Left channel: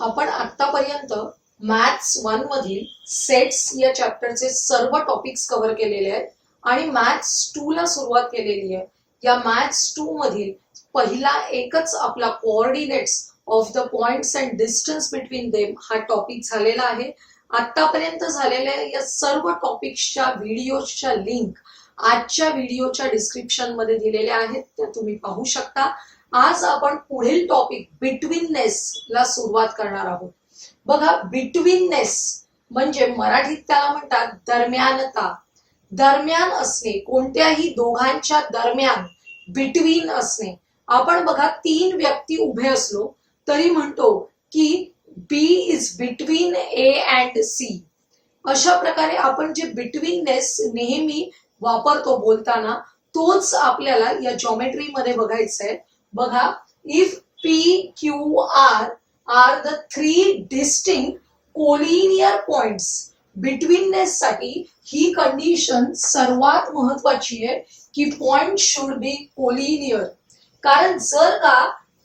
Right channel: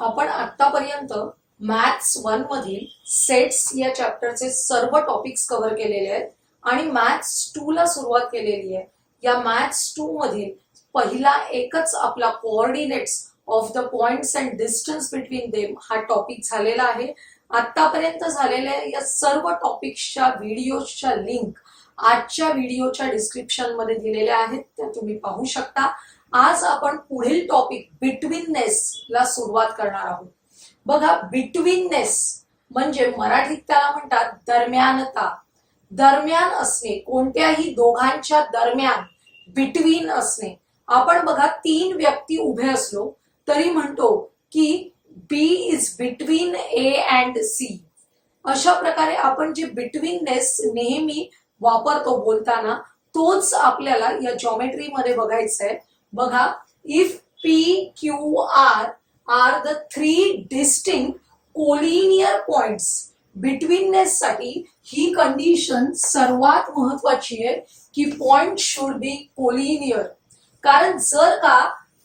आपण आतापर्यंत मॅथ्स 1 मधील सेट्स या चॅप्टरचे सर्व टॉपिक्स कव्हर केलेले आहेत आणि मॅथ्स 2 ला सुरुवात केलेली आहे. या मॅथ्स 2 मधील पहिला एकच आपला coordinates of the points and distance between them हा टॉपिक झालेला आहे. आतापर्यंत झालेल्या या सर्व टॉपिक्सच्या व्हिडिओच्या लिंक आजच्या व्हिडिओच्या डिस्क्रिप्शन मध्ये दिलेल्या आहेत, त्या तुम्ही पाहू शकता. आज आपण पुढील टॉपिक बिटवीननेस ला सुरुवात करणार आहोत. बघा, बिटवीननेस म्हणजे मराठीत त्याला म्हणतात दरम्यानता. दरम्यान असणे, कोणत्याही दोघांच्या दरम्यान बिटवीन असणे. आपण बघा, तीन व्यक्ती उभे असलो तरी म्हणतो की B is between A and C. अशा प्रकारे आपण जे बिटवीननेस नेहमी वापरतो बोलताना, तोच आपल्याला या जॉमेट्री मध्ये बघायचा आहे. बघा, if P Q R are the three distinct collinear points. Betweenness साठी ही कंडिशन सर्वात महत्वाची आहे की पॉइंट शुड बी कोलिनियर. कारण जर का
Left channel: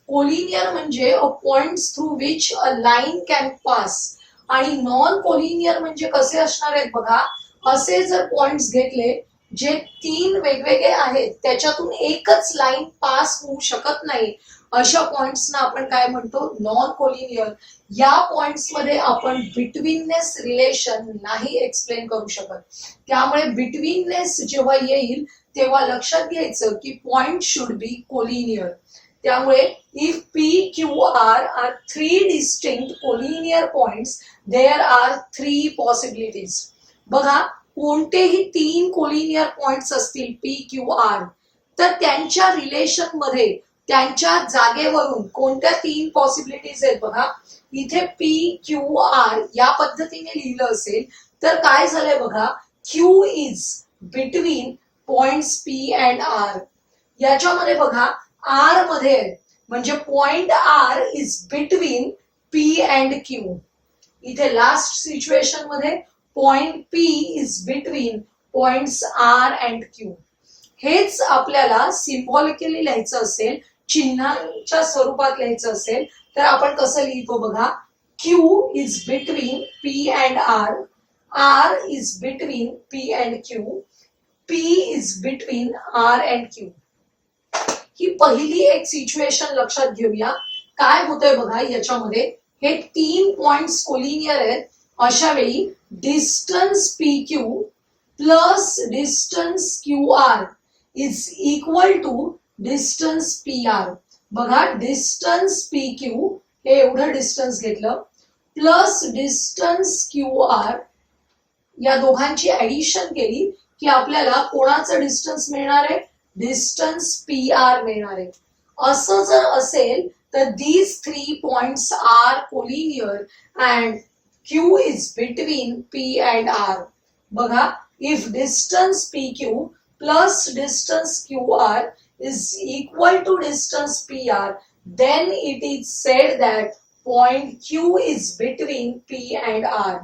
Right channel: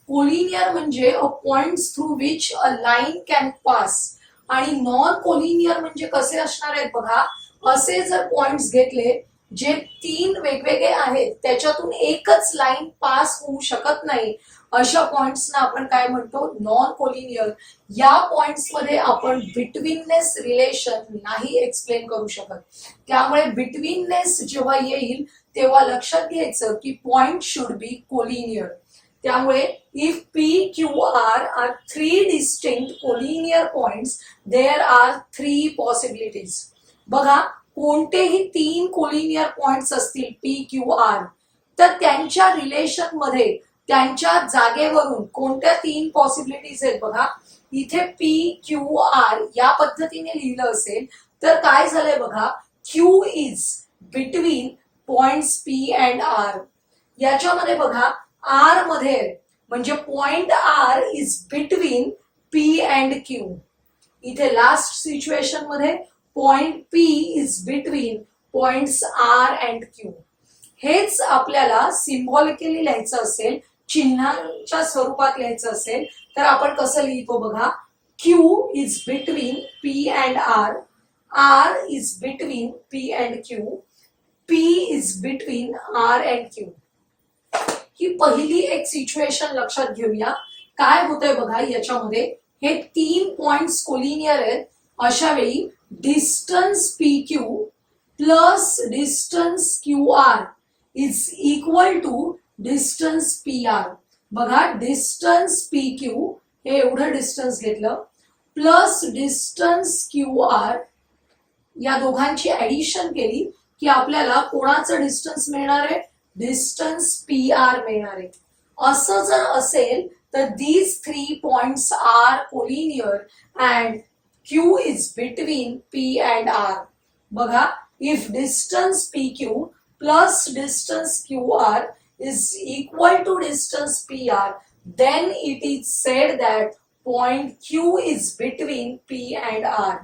कोलिनियर म्हणजे a points through which a line can pass, आणि नॉन कोलिनियर म्हणजे कसे असणार आहेत बघा, असे जर पॉइंट्स घेतले जे तीन वेगवेगळे आहेत त्याच्यातून एकच लाईन पास होऊ शकत नाही, अशा पॉइंट्सना आपण काय म्हणतो, नॉन कोलिनियर. या पॉइंट्स मध्ये आपण बिटवीननेस रिलेशन नाही एक्सप्लेन करू शकत. त्यामुळे बिटवीननेस जेव्हा येईल तेव्हा लक्षात घ्यायचं की पॉइंट शुड बी कोलिनियर. त्यामुळे if P Q R are three distinct collinear points, there are three possibilities. बघा, कोणतेही तीन कोलिनियर पॉइंट्स असतील पी क्यू आर, तर त्यांच्या रिलेशन मध्ये त्यांच्या जागेवरून कोणत्या तीन पॉसिबिलिटीज आहेत बघा. इथे पी क्यू आर या पद्धतीने लिहिलं असेल तर काय झालंय बघा, Q is between points P and R. याच्यामध्ये बघा, आर मध्ये म्हणजे point R is between P and Q. इथे लास्ट सिच्युएशन मध्ये point P is between points R and Q. हेच आपल्याला सिम्बॉलिकली लिहायचं असेल, चिन्हांच्या स्वरूपात लिहायचं असेल तर आपण कसं लिहितो बघा, Q is between P and R, R is between P and Q, P is between R and Q. ही पहिली एक सिच्युएशन लक्षात घेऊया. काय होतंय बघा, याच्यामध्ये हे तीन पॉइंट्स कोलिनियर आहेत. अशा वेळी distance P Q plus distance Q R is equal to distance P R. बघा, डिस्टन्स पी क्यू हे एवढं डिस्टन्स घेतलं प्लस डिस्टन्स क्यू आर, या दोघांची ऍडिशन केली की आपल्याला कोणाचं डिस्टन्स मिळणार आहे, डिस्टन्स पी आर मिळणार आहे. असं जर असेल तर these three points are collinear and Q is between P and R. बघा, if distance PQ plus distance QR is equal to distance PR, then it is said that point Q is between P and R.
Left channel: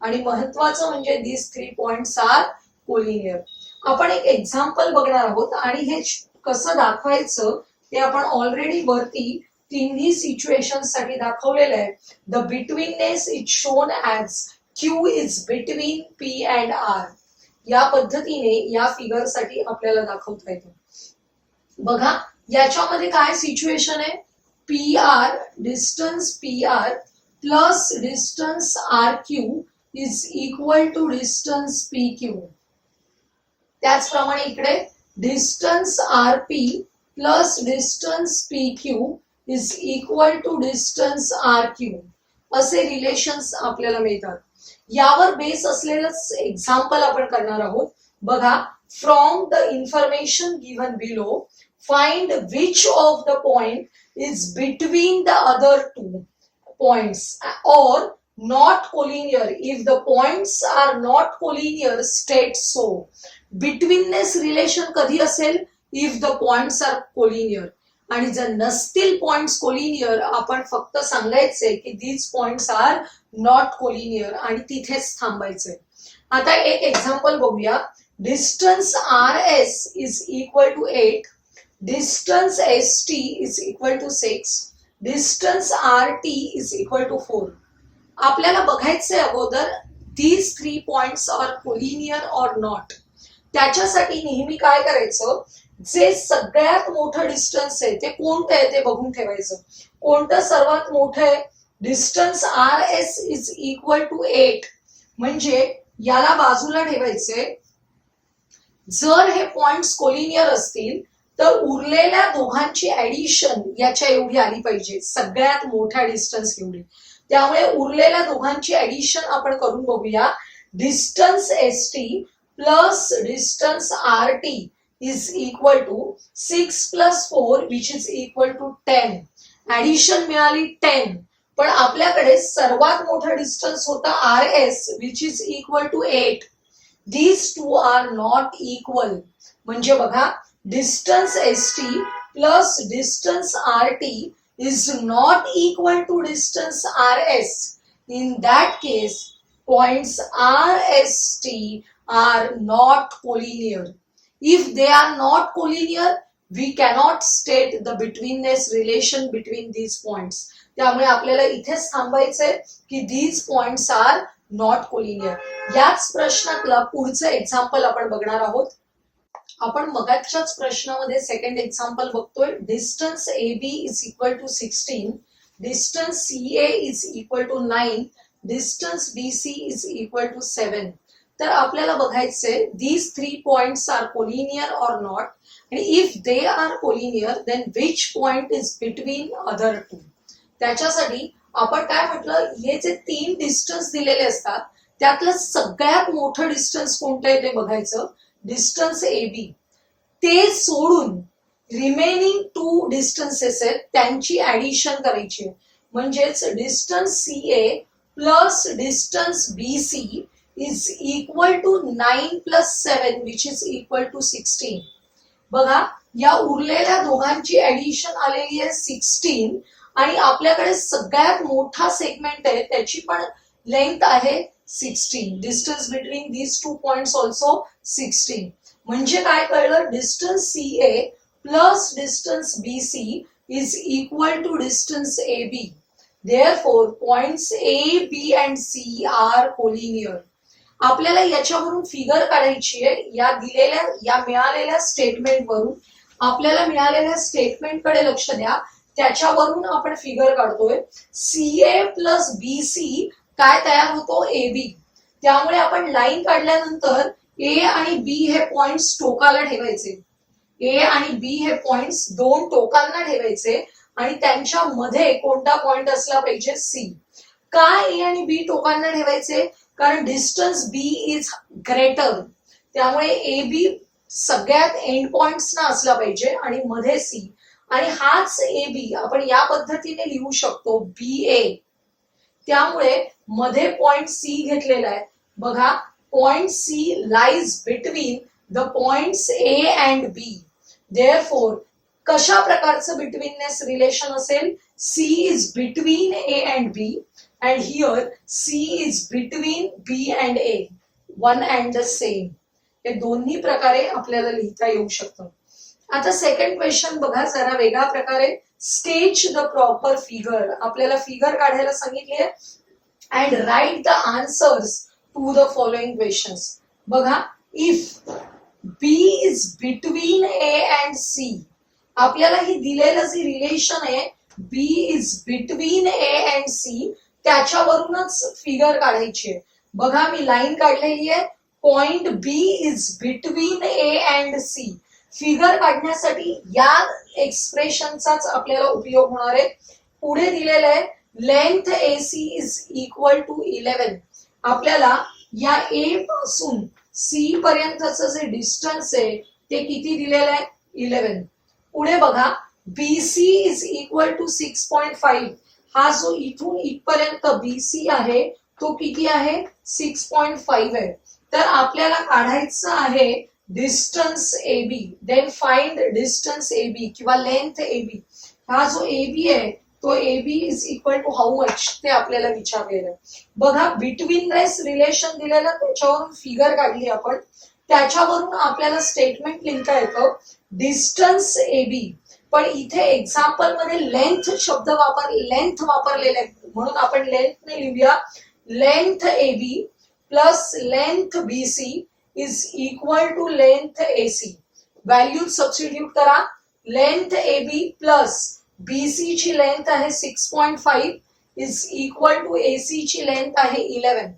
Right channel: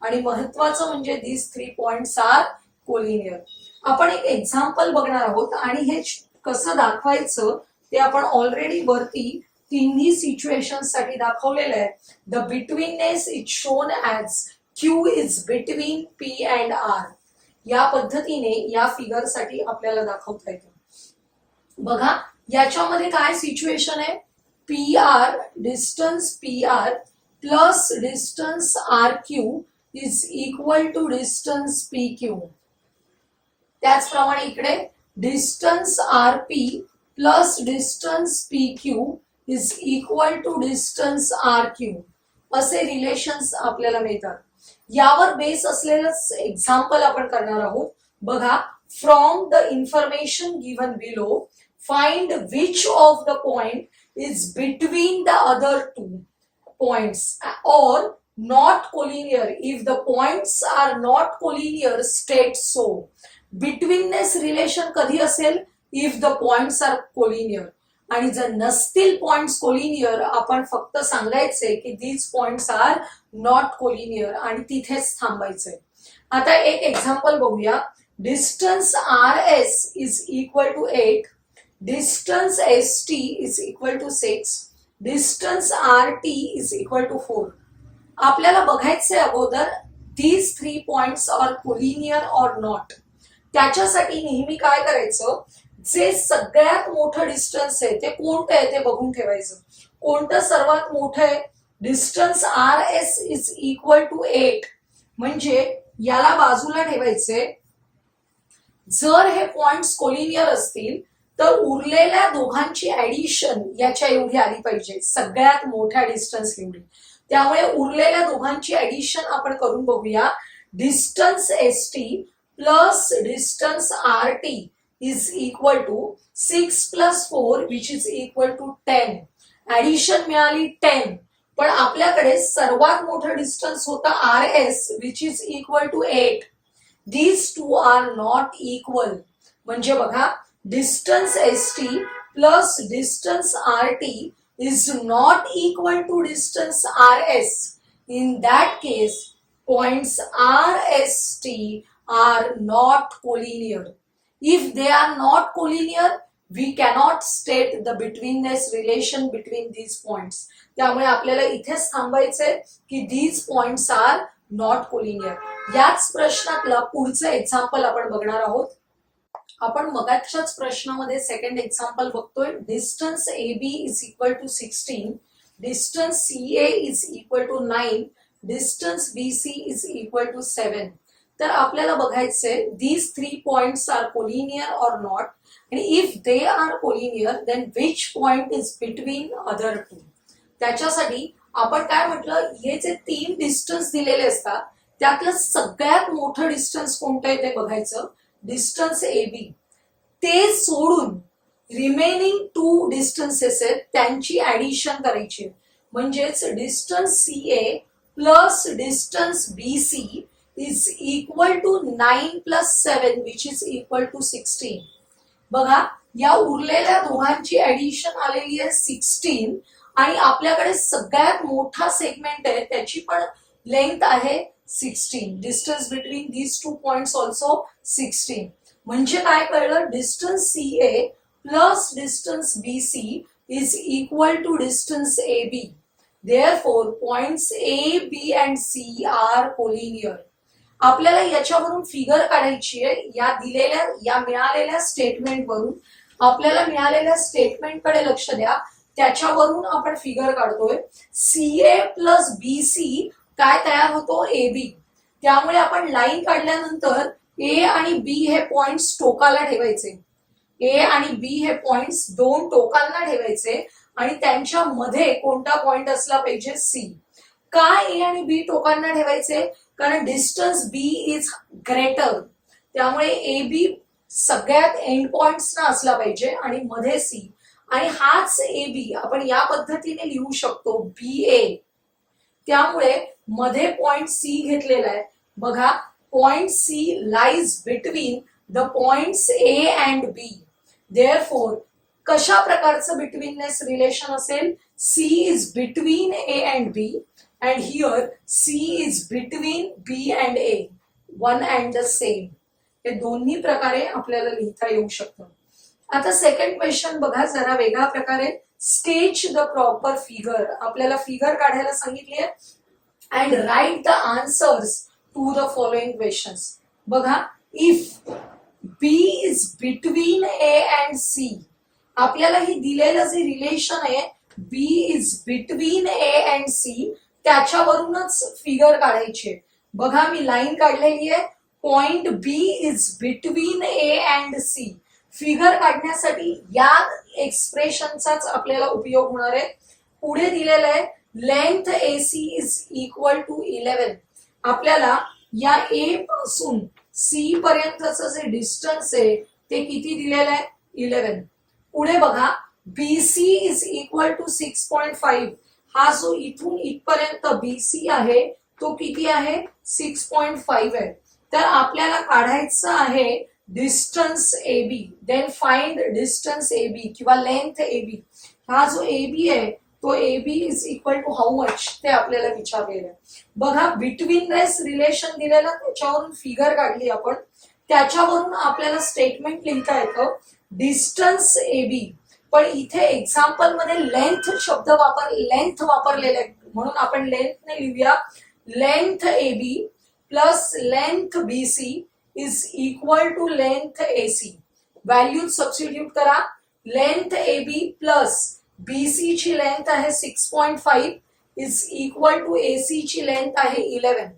आणि महत्वाचं म्हणजे these three points are collinear. आपण एक example बघणार आहोत आणि हे कसं दाखवायचं ते आपण ऑलरेडी वरती तिन्ही सिच्युएशन साठी दाखवलेलं आहे. The betweenness is shown as Q is between P and R. या पद्धतीने या फिगर साठी आपल्याला दाखवता येतं. बघा, याच्यामध्ये काय सिच्युएशन आहे, P R, distance P R plus distance R Q is equal to distance P Q. त्याचप्रमाणे इकडे distance R P plus distance P Q is equal to distance R Q. असे रिलेशन्स आपल्याला मिळतात. यावर बेस असलेलंच एक्झाम्पल आपण करणार आहोत. बघा, from the information given below find which of the point is between the other two points or not collinear. If the points are not collinear state so. Betweenness relation कधी असेल, if the points are collinear. आणि जर नसतील points collinear, आपण फक्त सांगायचंय की these points are not collinear आणि तिथेच थांबायचंय. आता एक एक्झाम्पल बघूया. Distance R S is equal to 8, distance S T is equal to 6, distance R T is equal to 4. आपल्याला बघायचंय अगोदर these 3 points are collinear or not. त्याच्यासाठी नेहमी काय करायचं, जे सगळ्यात मोठं डिस्टन्स आहे ते कोणतं आहे ते बघून ठेवायचं. कोणतं सर्वात मोठं आहे, distance R S is equal to 8. म्हणजे याला बाजूला ठेवायचे. जर हे पॉइंट्स कोलिनियर असतील तर उरलेल्या दोघांची ऍडिशन याच्या एवढी आली पाहिजे, सगळ्यात मोठ्या डिस्टन्स एवढी. त्यामुळे उरलेल्या दोघांची ऍडिशन आपण करून बघूया. Distance S T plus distance R T is equal to 6 plus 4 which is equal to 10. Addition मिळाली 10. पण आपल्याकडे सर्वात मोठा डिस्टन्स होता R S which is equal to 8. These two are not equal. म्हणजे बघा, distance S T plus distance R T is not equal to distance RS. In that case, points RST are not collinear. If they are not collinear, we cannot state the betweenness relation between these points. त्यामुळे आपल्याला इथेच थांबायचंय की these points are not collinear. याच प्रश्नातला पुढचं example आपण बघणार आहोत. आपण मगाच्याच प्रश्नामध्ये सेकंड एक्झाम्पल बघतोय. Distance A B is equal to 16, distance C A is equal to 9, distance B C is equal to 7. तर आपल्याला बघायचंय these 3 points are collinear or not, आणि if they are collinear then which point is between other two. त्याच्यासाठी आपण काय म्हटलं, हे जे 3 डिस्टन्स दिलेले असतात त्यातलं सगळ्यात मोठं डिस्टन्स कोणतं आहे ते बघायचं, डिस्टन्स ए बी. ते सोडून रिमेनिंग 2 डिस्टन्सेस आहेत त्यांची ऍडिशन करायची. म्हणजेच distance C A plus distance B C is equal to 9 plus 7 which is equal to 16. बघा, या उरलेल्या दोघांची ऍडिशन आलेली आहे 16 आणि आपल्याकडे सगळ्यात मोठा सेगमेंट आहे त्याची पण लेंथ आहे 16. Distance between these 2 points also 16. म्हणजे काय कळलं, distance C A plus distance B C is equal to distance A B. Therefore points A B and C are collinear. आपल्याला याच्यावरून फिगर काढायची आहे. या मिळालेल्या स्टेटमेंट वरून, आपल्याला मिळालेल्या स्टेटमेंटकडे लक्ष द्या, त्याच्यावरून आपण फिगर काढतोय. C A plus B C काय तयार होतो, ए बी. त्यामुळे आपण लाईन काढल्यानंतर ए आणि बी हे पॉइंट्स टोकाला ठेवायचे. ए आणि बी हे पॉइंट्स 2 टोकांना ठेवायचे आणि त्यांच्या मध्ये कोणता पॉइंट असला पाहिजे, सी. का ए आणि बी टोकांना ठेवायचे, कारण डिस्टन्स बी इज ग्रेटर. त्यामुळे ए बी सगळ्यात एंड पॉइंट्सना असला पाहिजे आणि मध्ये सी. आणि हाच ए बी आपण या पद्धतीने लिहू शकतो, बी ए. त्यामुळे मध्ये पॉइंट सी घेतलेला आहे. बघा, point C lies between the points A and B. Therefore कशा प्रकारचं बिटवीननेस रिलेशन असेल, C is between A and B and here C is between B and A, one and the same. हे दोन्ही प्रकारे आपल्याला लिहिता येऊ शकतं. आता सेकंड क्वेश्चन बघा जरा वेगळ्या प्रकारे. Sketch the proper figure. आपल्याला फिगर काढायला सांगितली आहे and write the answers to the following questions. बघा, if B is between A and C, आपल्याला ही दिलेलं जे रिलेशन आहे B is between A and C, त्याच्यावरूनच फिगर काढायची आहे. बघा, मी लाईन काढलेली आहे. Point B is between A and C. Figure काढण्यासाठी या एक्सप्रेशनचाच आपल्याला उपयोग होणार आहे. पुढे दिलेलं आहे length A C is equal to 11. आपल्याला या ए पासून सी पर्यंतचं जे डिस्टन्स आहे ते किती दिलेलं आहे, 11. पुढे बघा, B C is equal to 6.5. हा जो इथून इथपर्यंत बी सी आहे तो किती आहे, 6.5 आहे. तर आपल्याला काढायचं आहे distance A B. Then find distance A B किंवा लेंथ ए बी. हा जो ए बी आहे तो A B is equal to how much ते आपल्याला विचारलेलं. बघा, बिटवीननेस रिलेशन दिलेलं, त्याच्यावरून फिगर काढली आपण. त्याच्यावरून आपल्याला स्टेटमेंट लिहिता येतं डिस्टन्स ए बी पण इथे एक्झाम्पल मध्ये लेंथ वापरलेला आहे, म्हणून आपण लेंथने लिहूया. Length AB plus length BC is equal to length AC. Value substitute करा. लेंथ AB प्लस BC ची लेंथ आहे 6.5 इज इक्वल टू AC ची लेंथ आहे 11.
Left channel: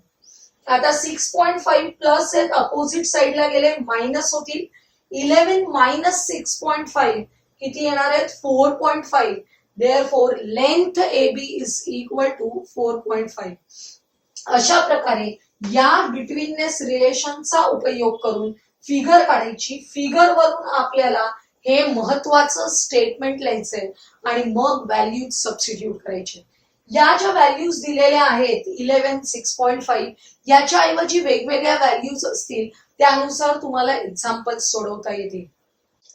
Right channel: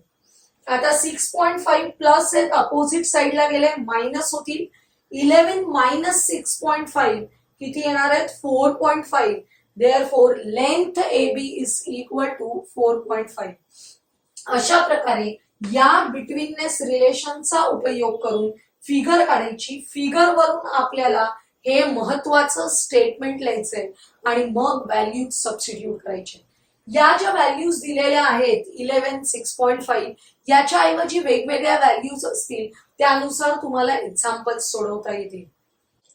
आता 6.5 प्लस आहेत, अपोजिट साइडला गेले मायनस होतील. 11 मायनस 6.5 किती येणार आहेत? 4.5. Therefore length AB is equal to 4.5. अशा प्रकारे या बिटवीननेस रिलेशनचा उपयोग करून फिगर काढायची. फिगर वरून आपल्याला हे महत्वाचं स्टेटमेंट लिहायचंय आणि मग व्हॅल्यूज सबस्टिट्यूट करायचे. या ज्या व्हॅल्यूज दिलेल्या आहेत 11, 6.5 याच्या ऐवजी वेगवेगळ्या व्हॅल्यूज असतील, त्यानुसार तुम्हाला एक्झाम्पल सोडवता येतील.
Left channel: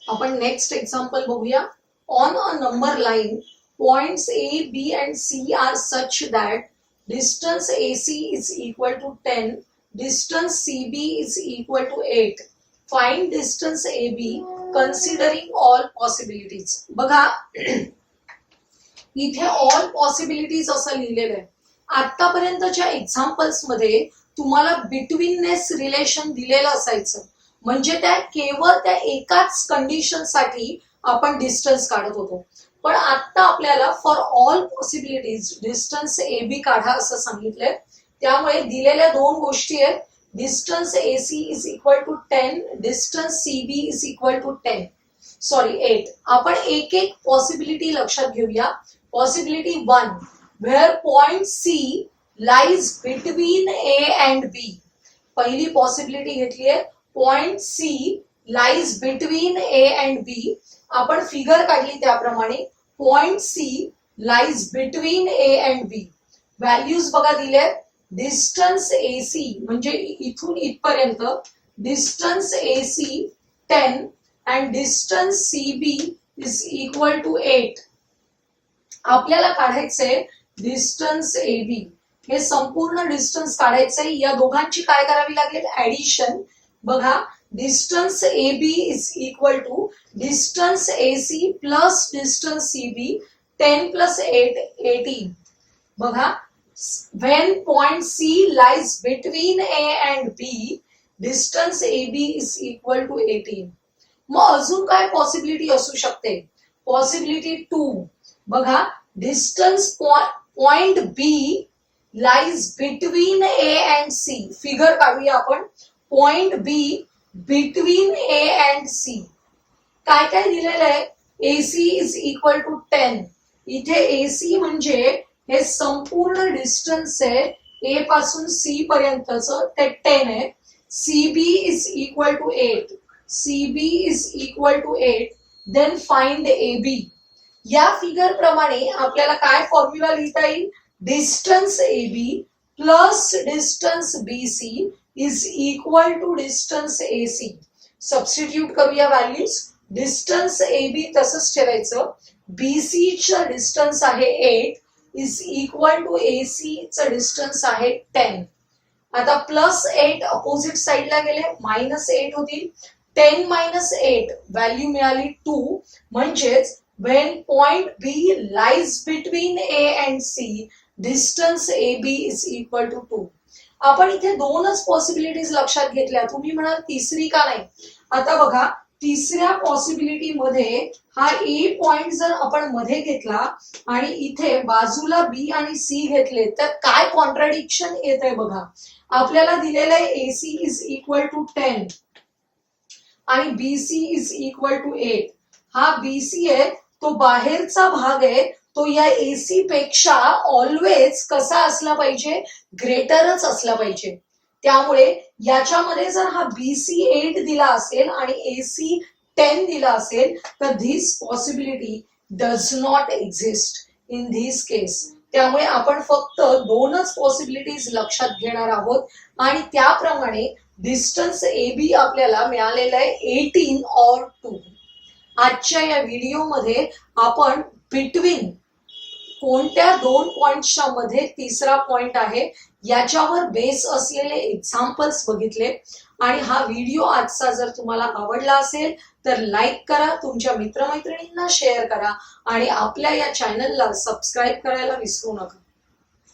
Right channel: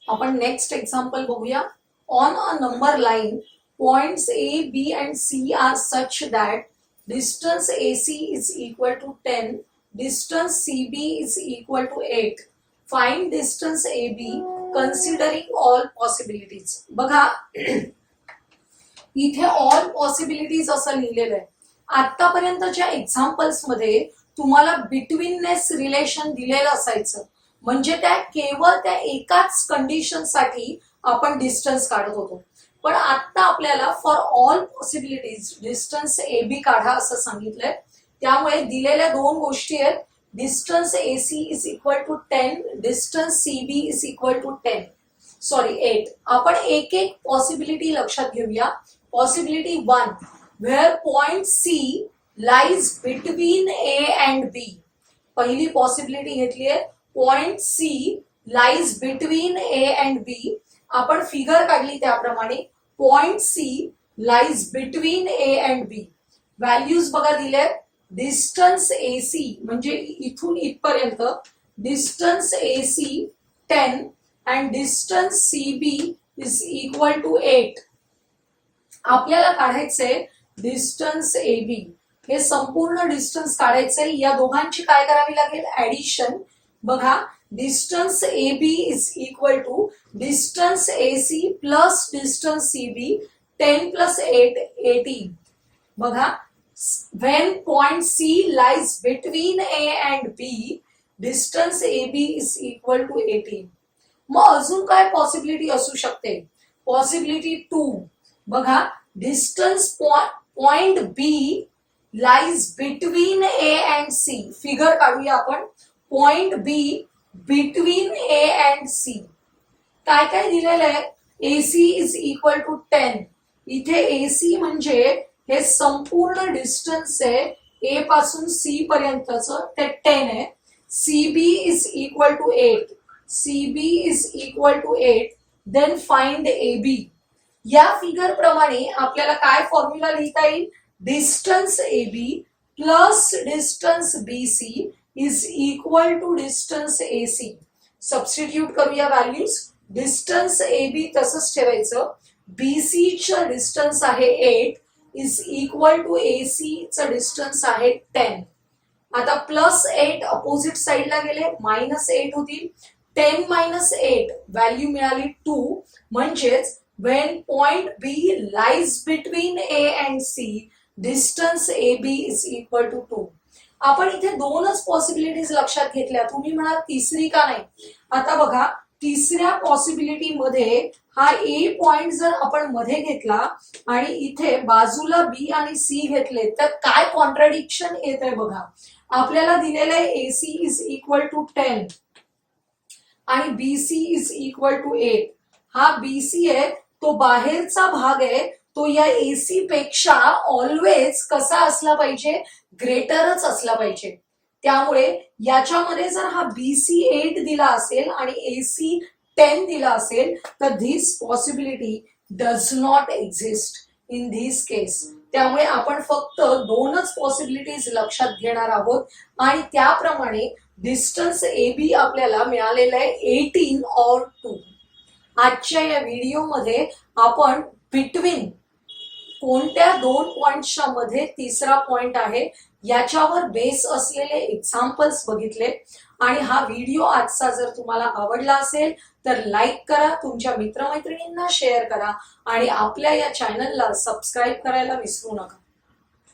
आपण नेक्स्ट एक्झाम्पल बघूया. On a number line points A, B and C are such that distance AC is equal to 10, distance CB is equal to 8. Find distance AB considering all possibilities. बघा इथे all possibilities असं लिहिलेलं आहे. आतापर्यंतच्या examples मध्ये तुम्हाला betweenness relation दिलेलं असायचं, म्हणजे त्या केवळ त्या एकाच कंडिशन साठी आपण डिस्टन्स काढत होतो. पण आता आपल्याला for all possibilities distance AB काढा असं सांगितलंय. त्यामुळे दिलेल्या दोन गोष्टी आहेत. Distance AC is equal to 10, distance CB is equal to 8. आपण एक एक पॉसिबिलिटी लक्षात घेऊया. Possibility 1, where point C lies between A and B. पहिली पॉसिबिलिटी घेतली आहे. Point C lies between A and B. आपण फिगर काढली त्याप्रमाणे point C lies between A and B. Values बघा दिले. डिस्टन्स AC म्हणजे इथून इथपर्यंत distance AC 10 and distance CB is equal to 8. आपल्याला काढायचंय डिस्टन्स AB. हे संपूर्ण डिस्टन्स काढायचंय. या दोघांची काय करावी लागेल? ऍडिशन. बघा distance AB is equal to distance AC plus distance CB. 10 plus 8 18. बघा when point C lies between A and B, distance AB is equal to 18. मग अजून काय पॉसिबिलिटी असू शकते? पॉसिबिलिटी 2, बघा distance point B lies between A and C. Figure काढूया आपण. Point B between A and C. काय काय दिलेलं आहे? AC is equal to 10. इथे AC म्हणजे हे संपूर्ण डिस्टन्स आहे A पासून C पर्यंतचं, ते 10 आहे. CB is equal to 8. CB is equal to 8. Then find AB. या फिगर प्रमाणे आपल्याला काय फॉर्म्युला लिहिता येईल? Distance AB plus distance BC is equal to distance AC. Substitute करूया व्हॅल्यूज. डिस्टन्स AB तसंच ठेवायचं. BC चं डिस्टन्स आहे 8 इज इक्वल टू AC चं डिस्टन्स आहे 10. आता प्लस 8 अपोजिट साइडला गेले मायनस 8 होतील. 10 मायनस 8 व्हॅल्यू मिळाली 2. म्हणजेच when point B lies between A and C, distance AB is equal to 2. आपण इथे दोनच पॉसिबिलिटीज लक्षात घेतल्या. तुम्ही म्हणाल तिसरी का नाही? आता बघा तिसऱ्या पॉसिबिलिटी मध्ये हा A पॉइंट जर आपण मध्ये घेतला आणि इथे बाजूला B आणि C घेतले तर काय कॉन्ट्राडिक्शन येत आहे बघा. आपल्याला दिलेलं आहे AC इज इक्वल टू 10 आणि BC इज इक्वल टू 8. हा BC आहे तो बाहेरचा भाग आहे, तो या AC पेक्षा ऑलवेज कसा असला पाहिजे? ग्रेटरच असला पाहिजे. त्यामुळे याच्यामध्ये जर हा BC 8 दिला असेल आणि AC 10 दिला असेल तर this possibility does not exist in this case. त्यामुळे आपण फक्त दोनच पॉसिबिलिटीज लक्षात घेणार आहोत आणि त्याप्रमाणे डिस्टन्स AB आपल्याला मिळालेलं आहे 18 और 2. आजच्या या व्हिडिओमध्ये आपण बिटवीन कोणत्या दोन पॉइंट्सच्या मध्ये तिसरा पॉइंट आहे याच्यावर बेस असलेले एक्झाम्पल्स बघितले आणि हा व्हिडिओ आजचा जर तुम्हाला आवडला असेल तर लाईक करा, तुमच्या मित्रमैत्रिणींना शेअर करा आणि आपल्या या चॅनलला सबस्क्राईब करायला विसरू नका.